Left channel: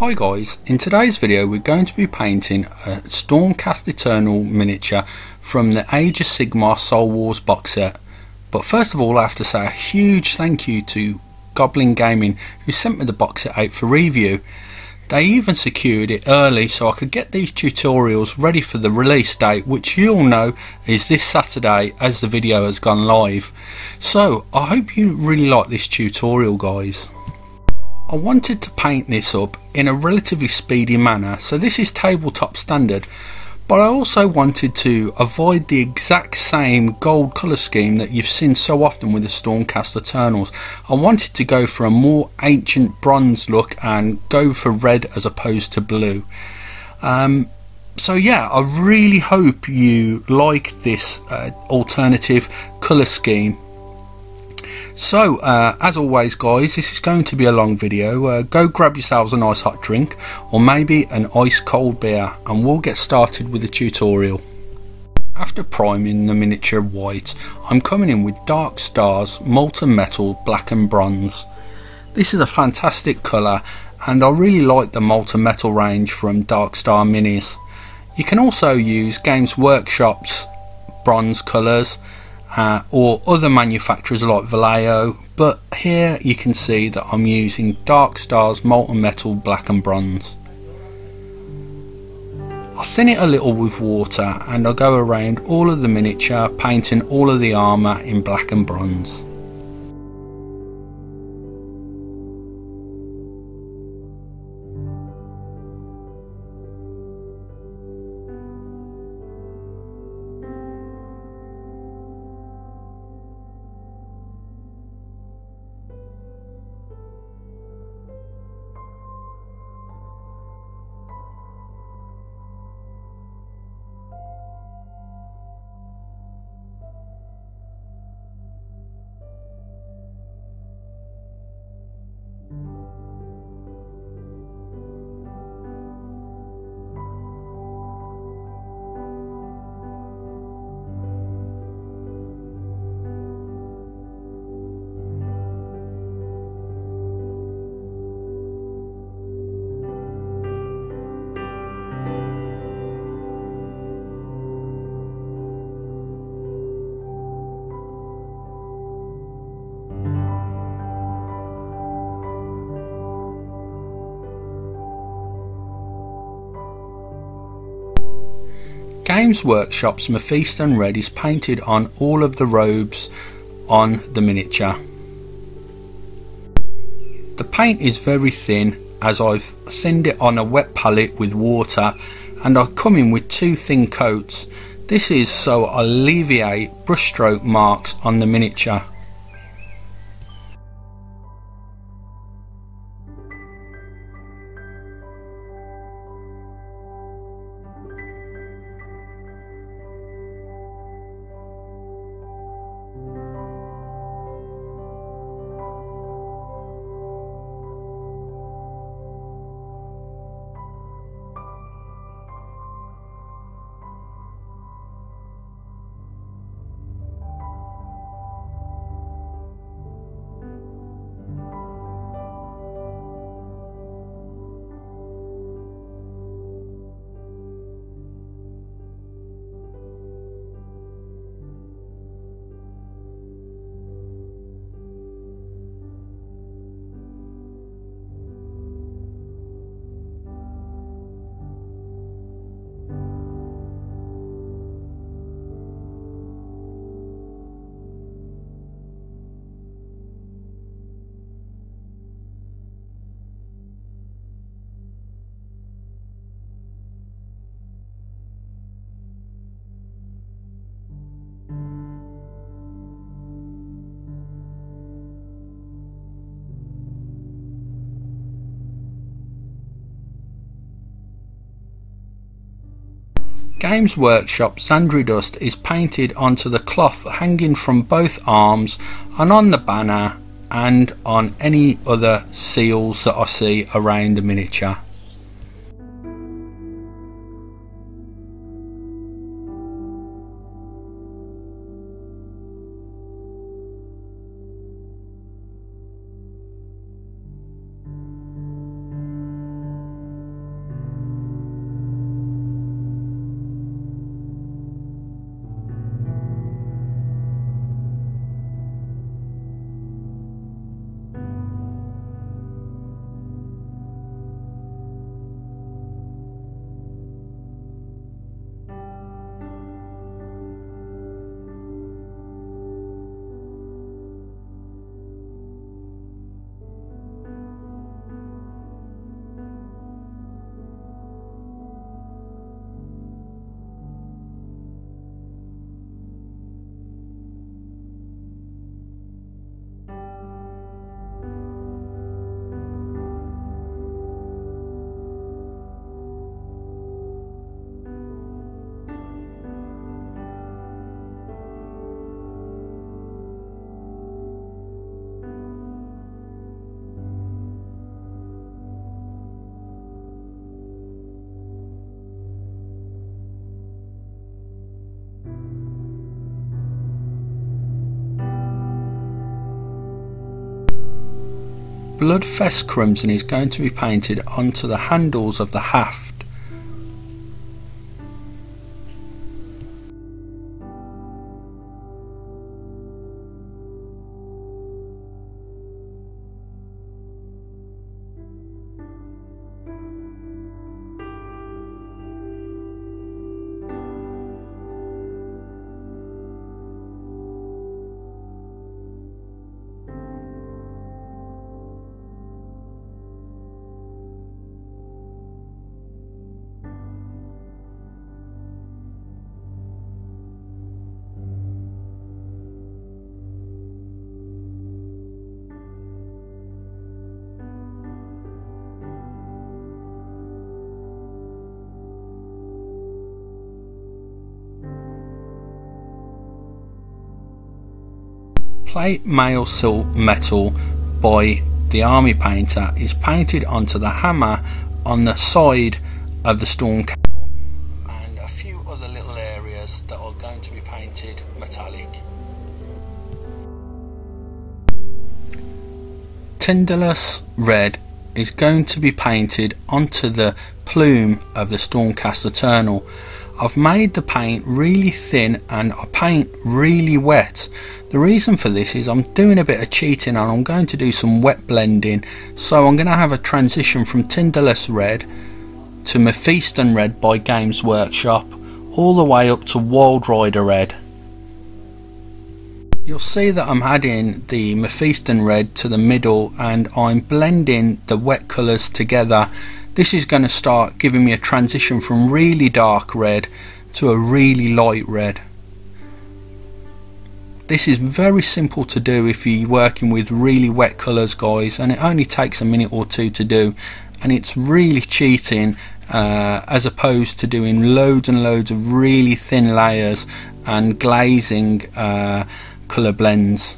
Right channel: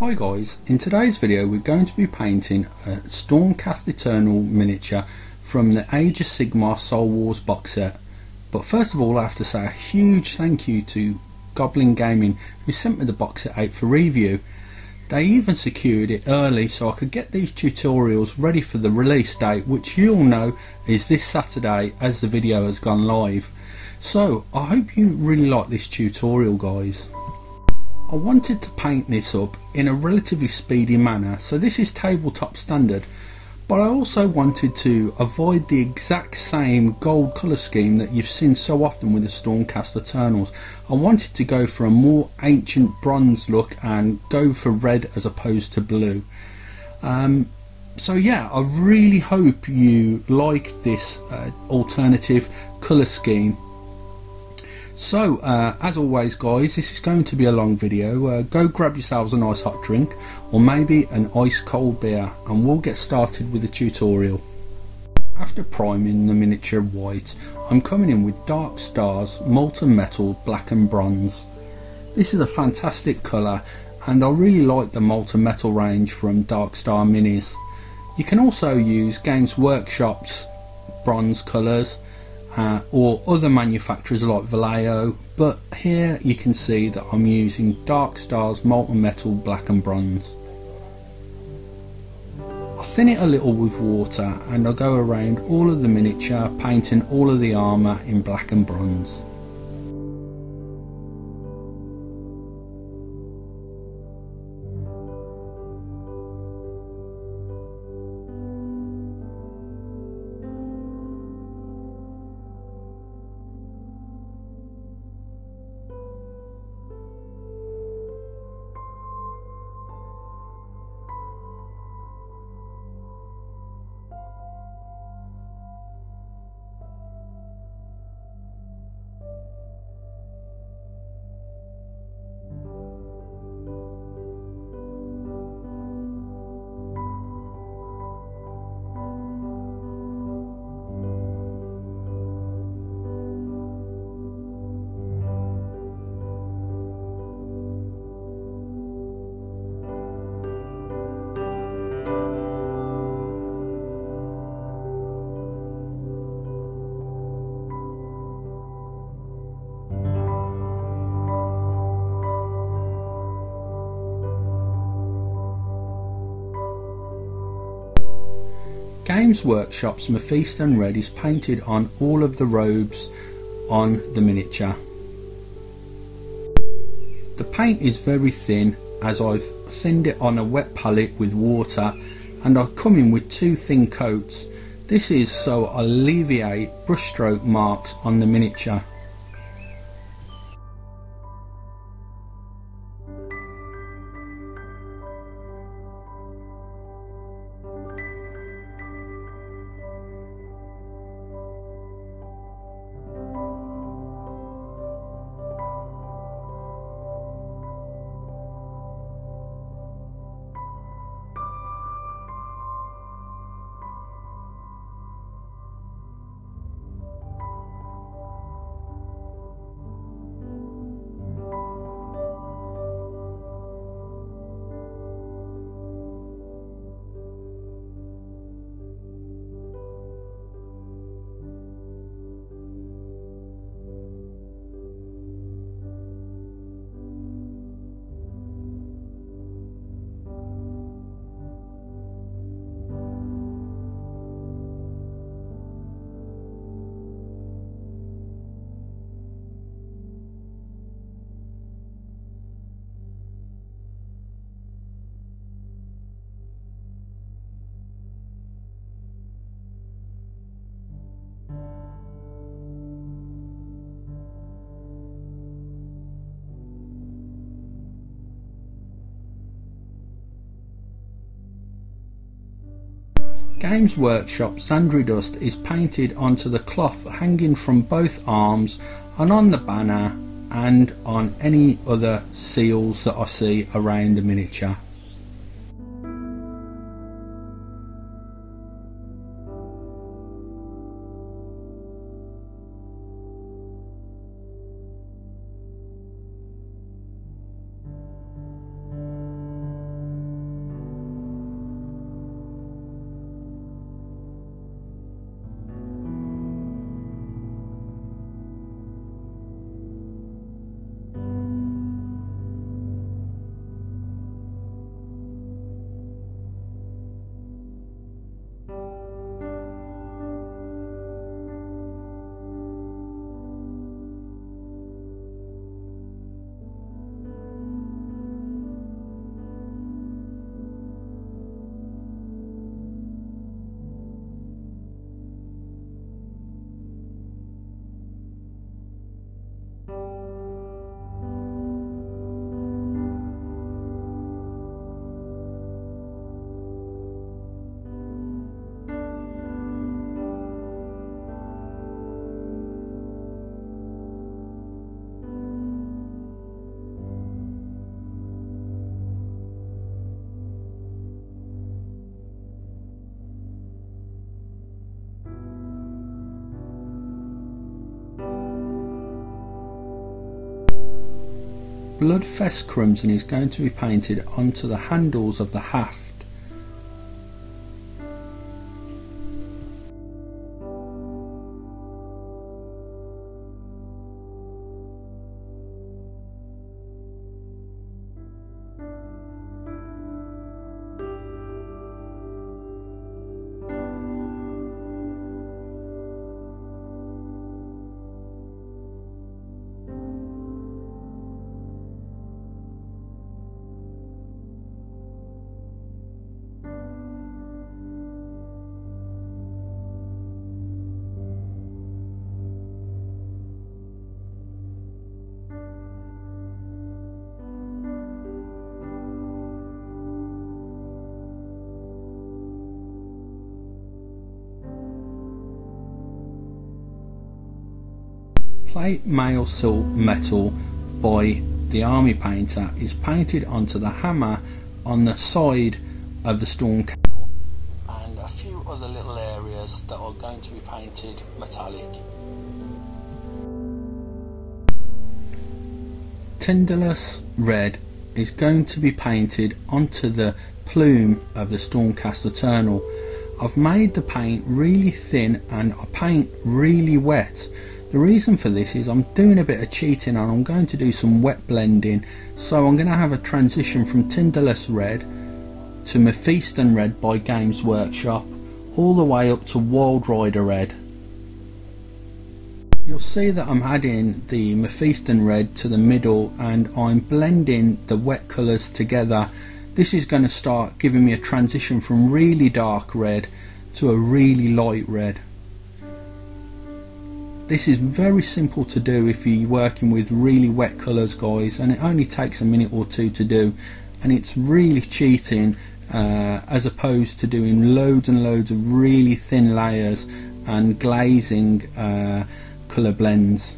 Hi guys, in today's video we're going to be painting a Stormcast Eternal miniature from the Age of Sigmar Soul Wars box set. But first of all I have to say a huge thank you to Goblin Gaming who sent me the box set out for review. They even secured it early so I could get these tutorials ready for the release date, which you'll know is this Saturday as the video has gone live. So I hope you really like this tutorial guys. I wanted to paint this up in a relatively speedy manner, so this is tabletop standard, but I also wanted to avoid the exact same gold colour scheme that you've seen so often with the Stormcast Eternals. I wanted to go for a more ancient bronze look and go for red as opposed to blue. So yeah, I really hope you like this alternative colour scheme. So as always guys, this is going to be a long video. Go grab yourselves a nice hot drink or maybe an ice cold beer and we'll get started with the tutorial. After priming the miniature white, I'm coming in with Dark Stars Molten Metal Black and Bronze. This is a fantastic colour and I really like the Molten Metal range from Dark Star Minis. You can also use Games Workshop's bronze colours or other manufacturers like Vallejo, but here you can see that I'm using Dark Stars Molten Metal Black and Bronze. I thin it a little with water and I go around all of the miniature, painting all of the armour in black and bronze. Games Workshop's Mephisto Red is painted on all of the robes on the miniature. The paint is very thin as I've thinned it on a wet palette with water and I come in with two thin coats. This is so I alleviate brushstroke marks on the miniature. Games Workshop Sandry Dust is painted onto the cloth hanging from both arms and on the banner and on any other seals that I see around the miniature. Bloodfest Crimson is going to be painted onto the handles of the haft. Plate Mail Silk Metal by the Army Painter is painted onto the hammer on the side of the storm canal, and a few other little areas that are going to be painted metallic. Tinderless Red is going to be painted onto the plume of the Stormcast Eternal. I've made the paint really thin and I paint really wet. The reason for this is I'm doing a bit of cheating and I'm going to do some wet blending, so I'm going to have a transition from Tinderless Red to Mephiston Red by Games Workshop all the way up to Wild Rider Red. You'll see that I'm adding the Mephiston Red to the middle and I'm blending the wet colours together. This is going to start giving me a transition from really dark red to a really light red. This is very simple to do if you're working with really wet colours, guys, and it only takes a minute or two to do, and it's really cheating as opposed to doing loads and loads of really thin layers and glazing colour blends.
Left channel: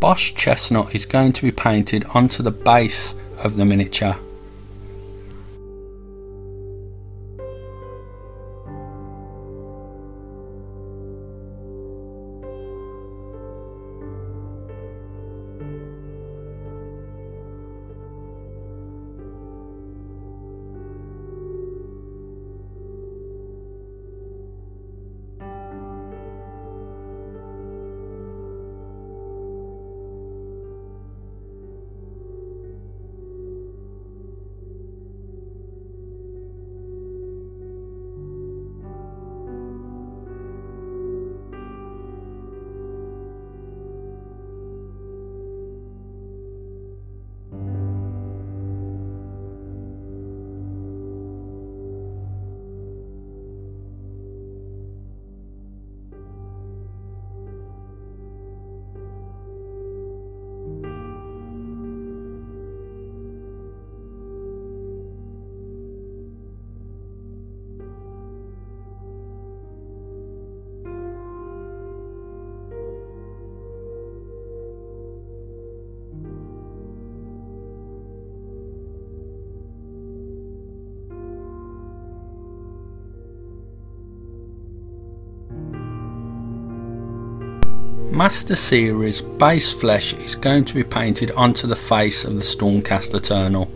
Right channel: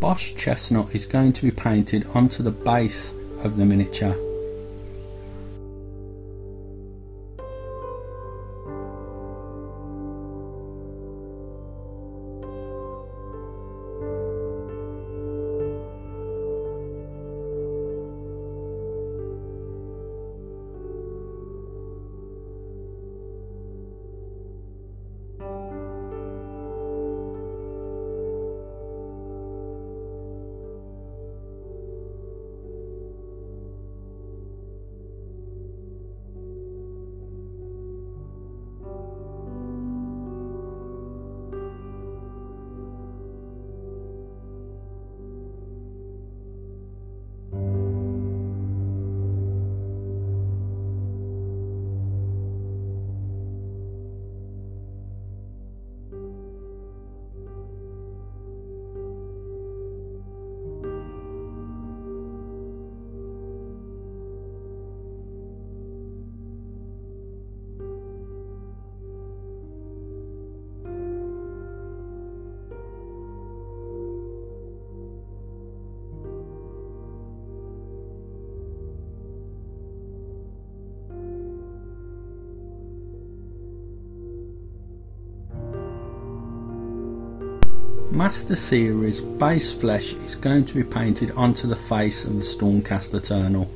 Bosch Chestnut is going to be painted onto the base of the miniature. Master Series base flesh is going to be painted onto the face of the Stormcast Eternal.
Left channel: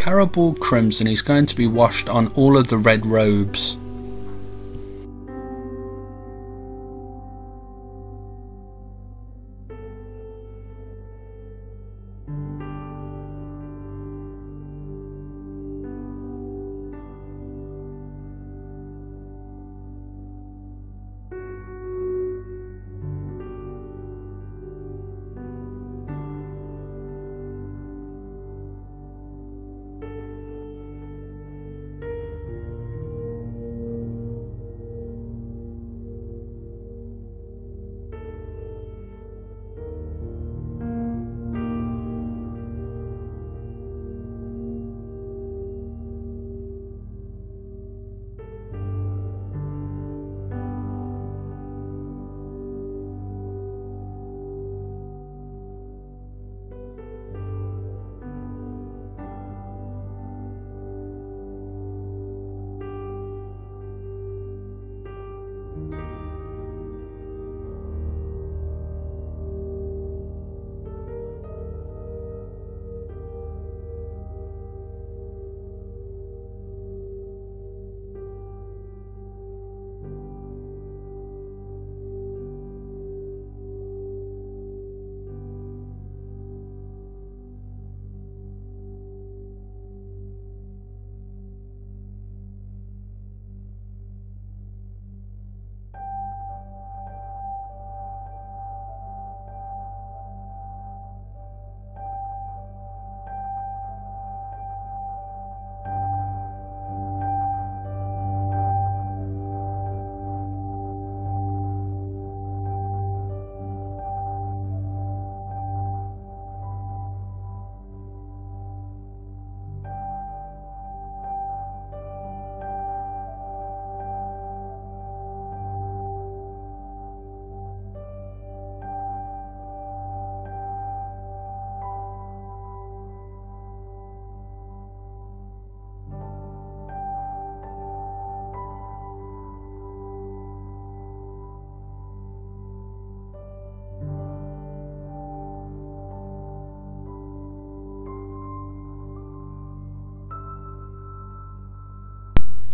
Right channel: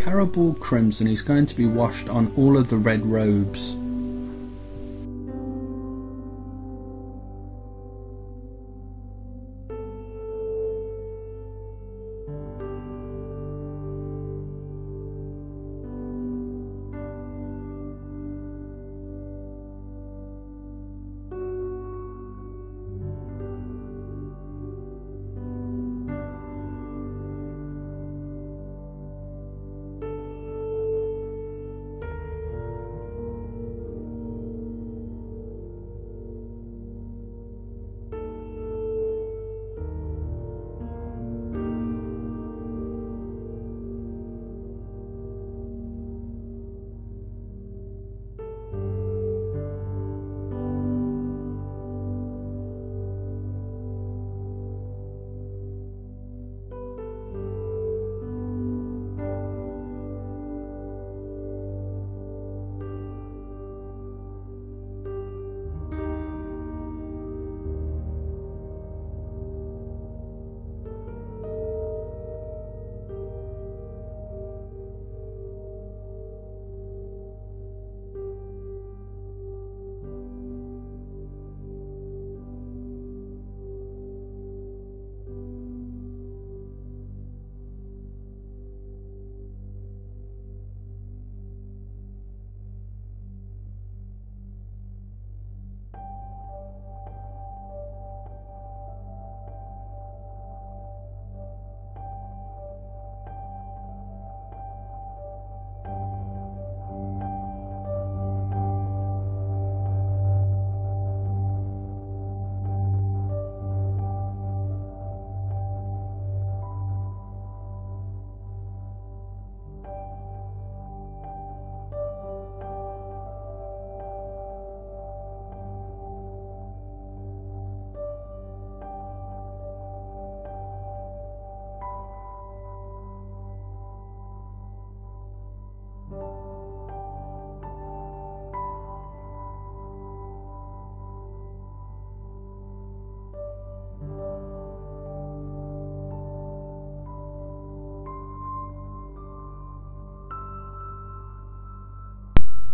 Caribou Crimson is going to be washed on all of the red robes.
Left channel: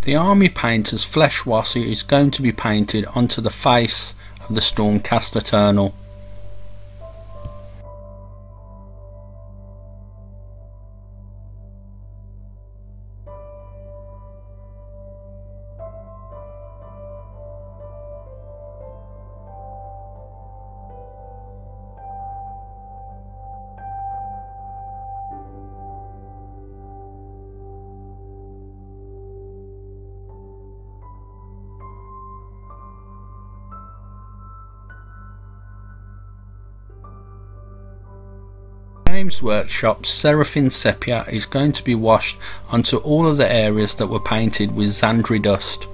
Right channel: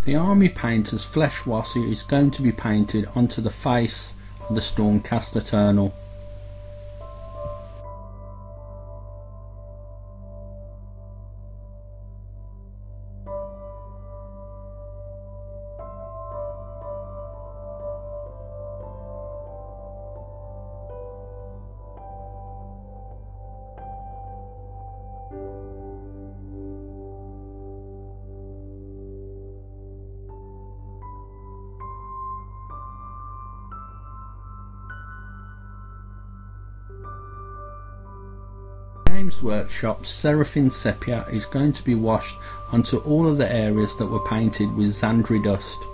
The Army Painter's Flesh Washer is going to be painted onto the face of the Stormcast Eternal. Games Workshop's Seraphim Sepia is going to be washed onto all of the areas that were painted with Xandri dust.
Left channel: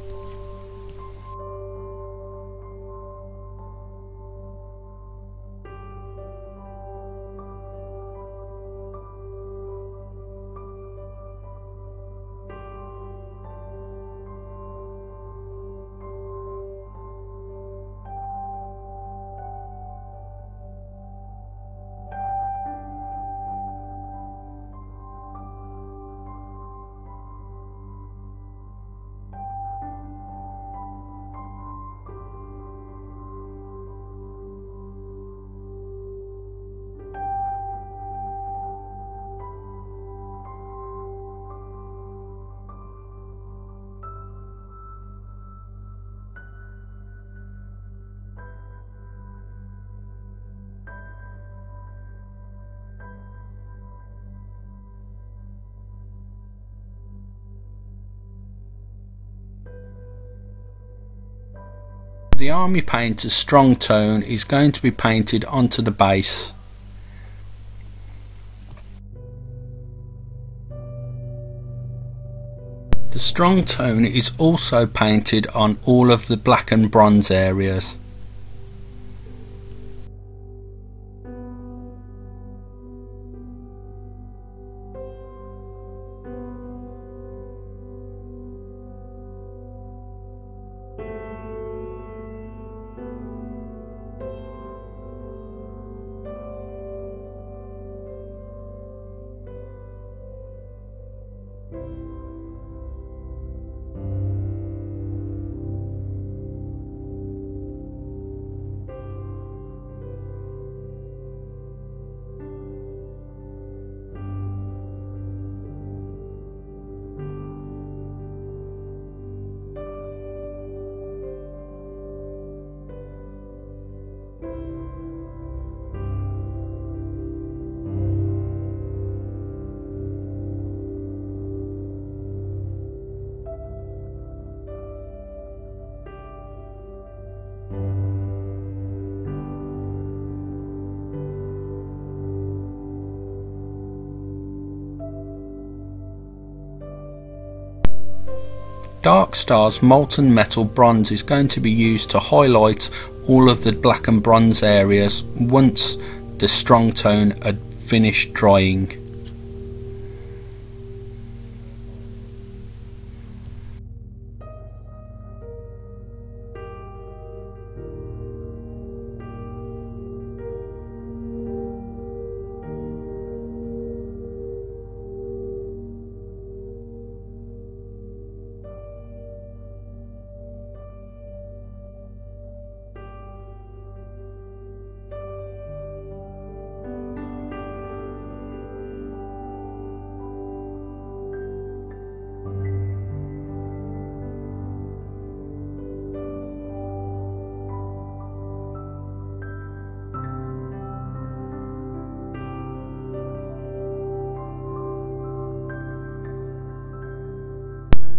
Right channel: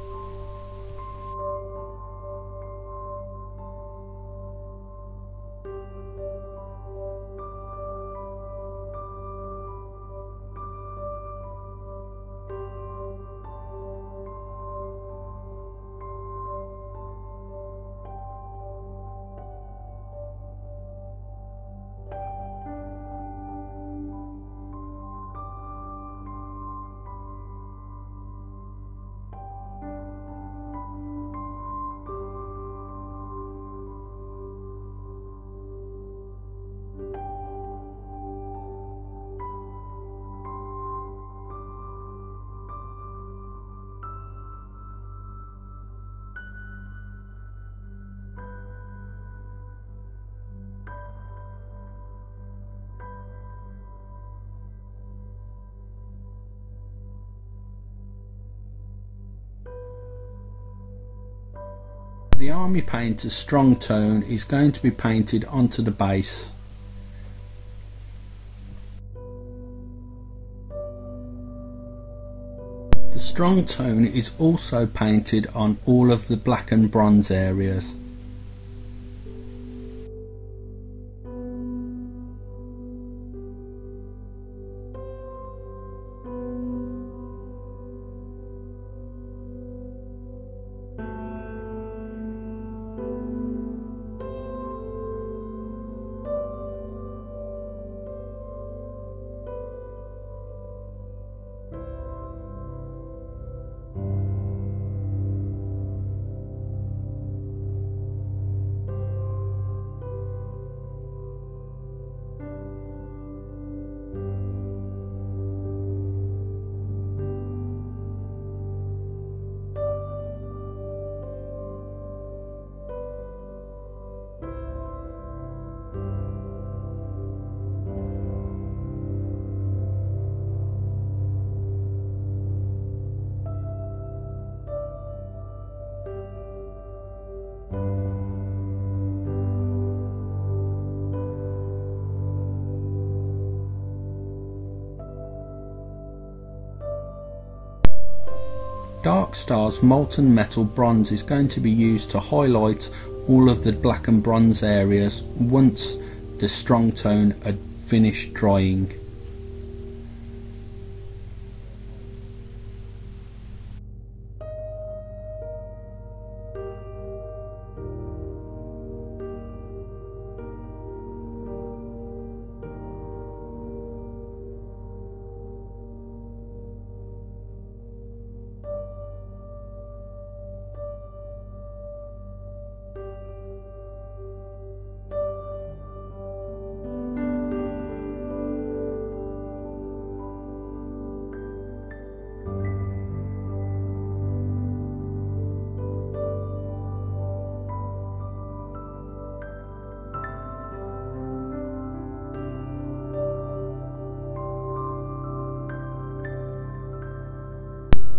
The Army Painter's strong tone is going to be painted onto the base. The strong tone is also painted on all of the black and bronze areas. Dark Star's molten metal bronze is going to be used to highlight all of the black and bronze areas once the strong tone had finished drying.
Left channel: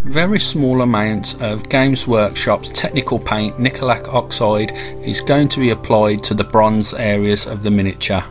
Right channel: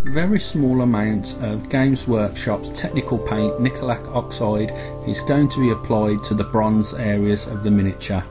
Very small amounts of Games Workshop's technical paint nickel oxide is going to be applied to the bronze areas of the miniature.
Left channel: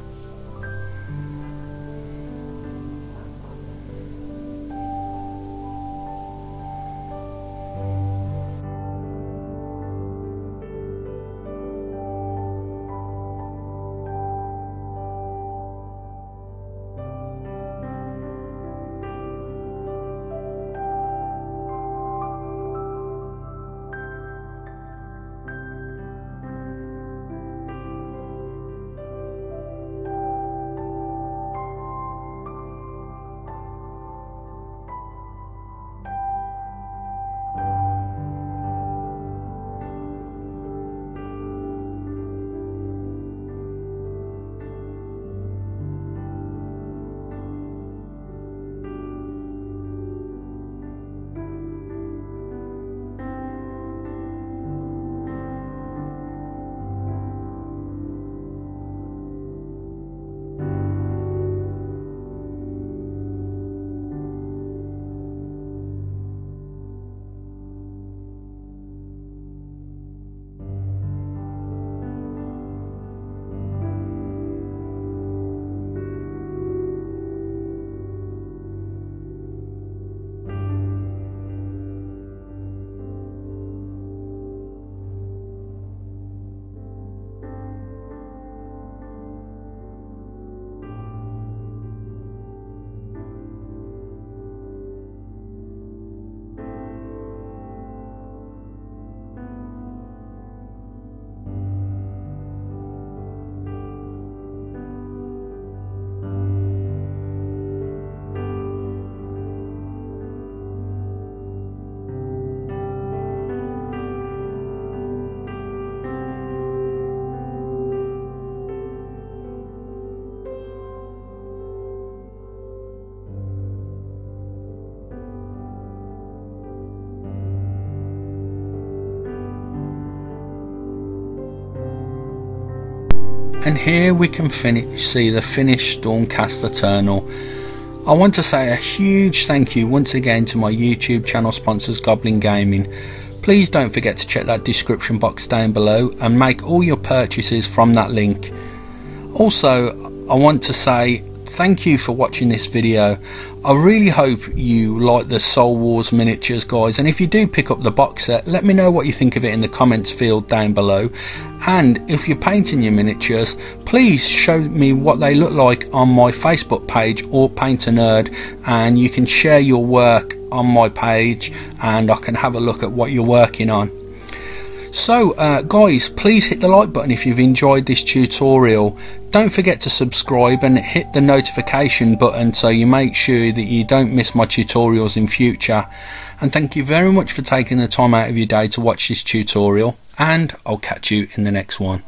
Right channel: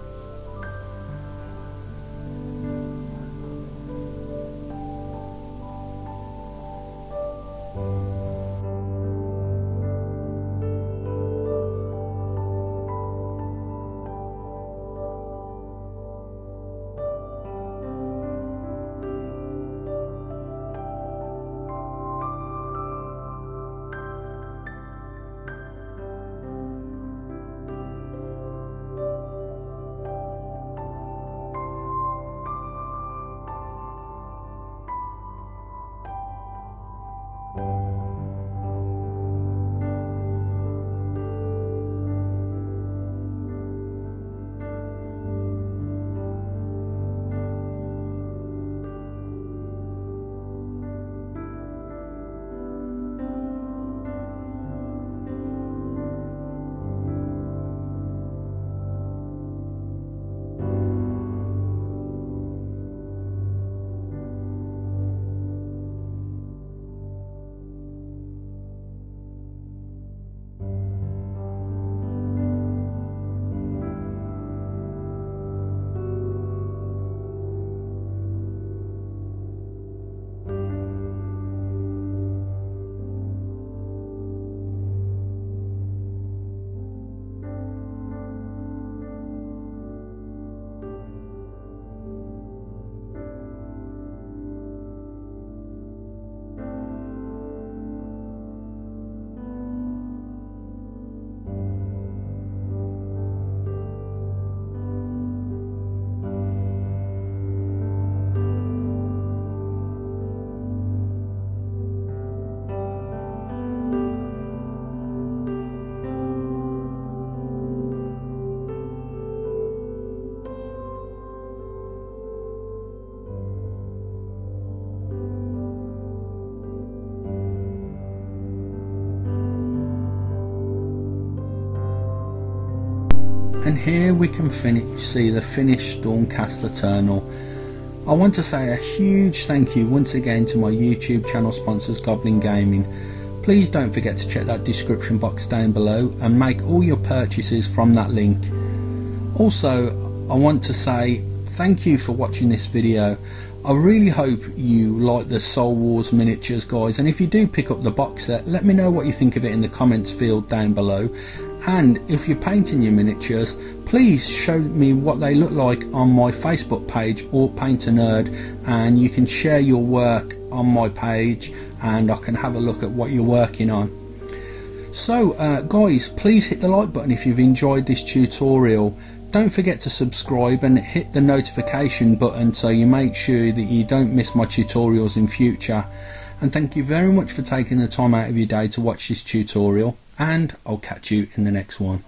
And here we can see the finished Stormcast Eternal. I want to say a huge thank you once again to my YouTube channel sponsors Goblin Gaming. please don't forget to check that description box down below and make all your purchases from that link. Also, I want to say thank you for watching this video. I really hope you like the Soul Wars miniatures, guys, and if you do pick up the box set, let me know what you think of it in the comments field down below. And if you're painting your miniatures, please show me what they look like on my Facebook page or Paint a Nerd, and you can share your work on my page and I can have a look at what you're working on. So guys, please hit the like button if you've enjoyed this tutorial. Don't forget to subscribe and hit the notification button so you make sure that you don't miss my tutorials in future. And thank you very much for taking the time out of your day to watch this tutorial, and I'll catch you in the next one.